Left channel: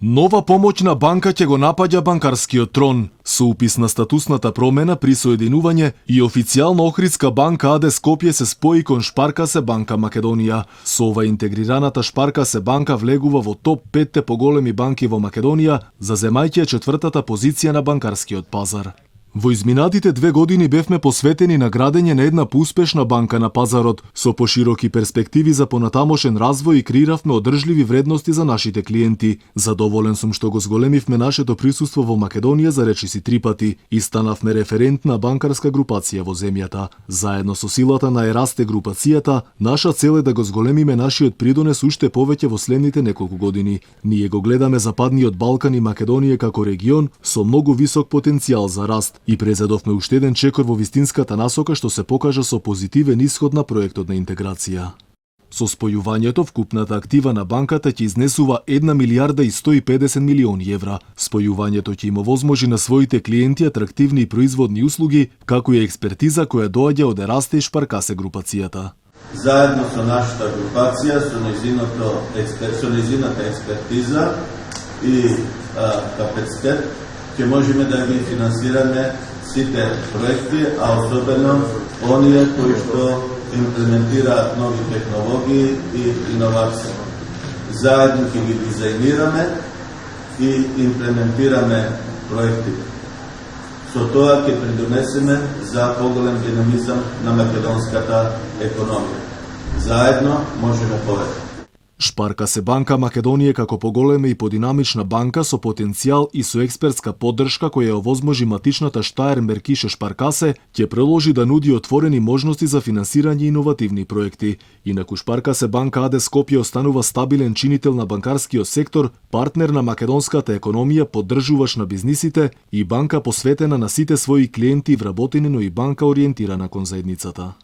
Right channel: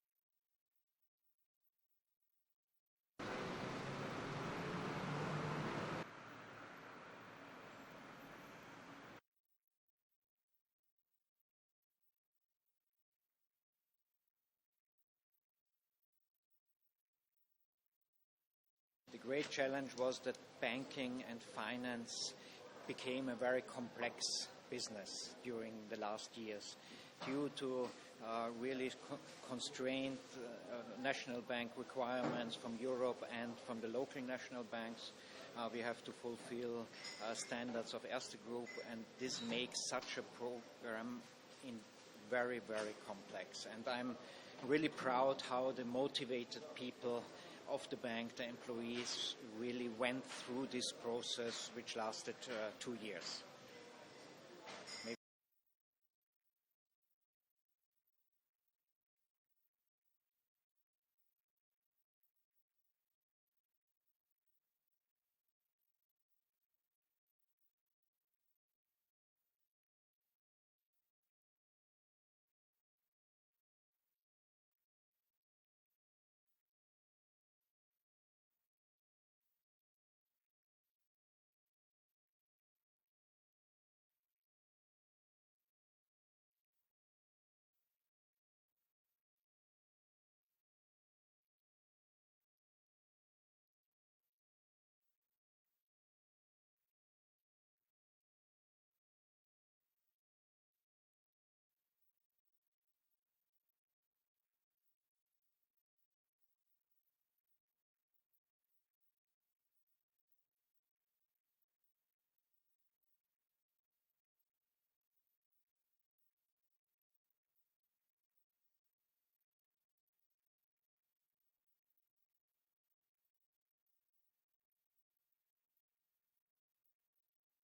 Нова помоќна банка ќе го напаѓа банкарскиот трон. Со упис на статусната промена при соединување и официјално Охридска банка АД Скопје се спои кон Шпаркасе банка Македонија. Со ова интегрираната Шпаркасе банка влегува во топ 5 поголеми банки во Македонија, заземајќи четвртата позиција на банкарскиот пазар. Во изминатите 2 години бевме посветени на градење на една поуспешна банка на пазарот, со пошироки перспективи за понатамошен развој и креиравме одржливи вредности за нашите клиенти. Задоволен сум што го зголемивме нашето присуство во Македонија за речиси 3 пати и станавме референтна банкарска групација во земјата. Заедно со силата на Ерасте групацијата, наша цел е да го зголемиме нашиот придонес уште повеќе во следните неколку години. Ние го гледаме Западниот Балкан и Македонија како регион со многу висок потенцијал за раст и презедовме уште еден чекор во вистинската насока што се покажа со позитивен исход на проектот на интеграција. Со спојувањето вкупната актива на банката ќе изнесува 1 милијарда и 150 милиони евра. Спојувањето ќе им овозможи на своите клиенти атрактивни и производни услуги, како и експертиза која доаѓа од Ерасте и Шпаркасе групацијата. Заедно со нашата групација, со нејзината експертиза и капацитет, ќе можеме да ги финансираме сите проекти, а особено оние кои што имплементираат нови технологии и иновации. Заедно ќе ги дизајнираме и имплементираме проектите. Со тоа ќе придонесеме за поголем динамизам на македонската економија. Заедно можеме повеќе. Шпаркасе банка Македонија како поголема и подинамична банка со потенцијал и со експертска поддршка која овозможи матичната Штаер Меркише Шпаркасе ќе продолжи да нуди отворени можности за финансирање иновативни проекти. Инаку Шпаркасе банка АД Скопје останува стабилен чинител на банкарскиот сектор, партнер на македонската економија, поддржувач на бизнисите и банка посветена на сите своји клиенти и вработени, но и банка ориентирана кон заедницата.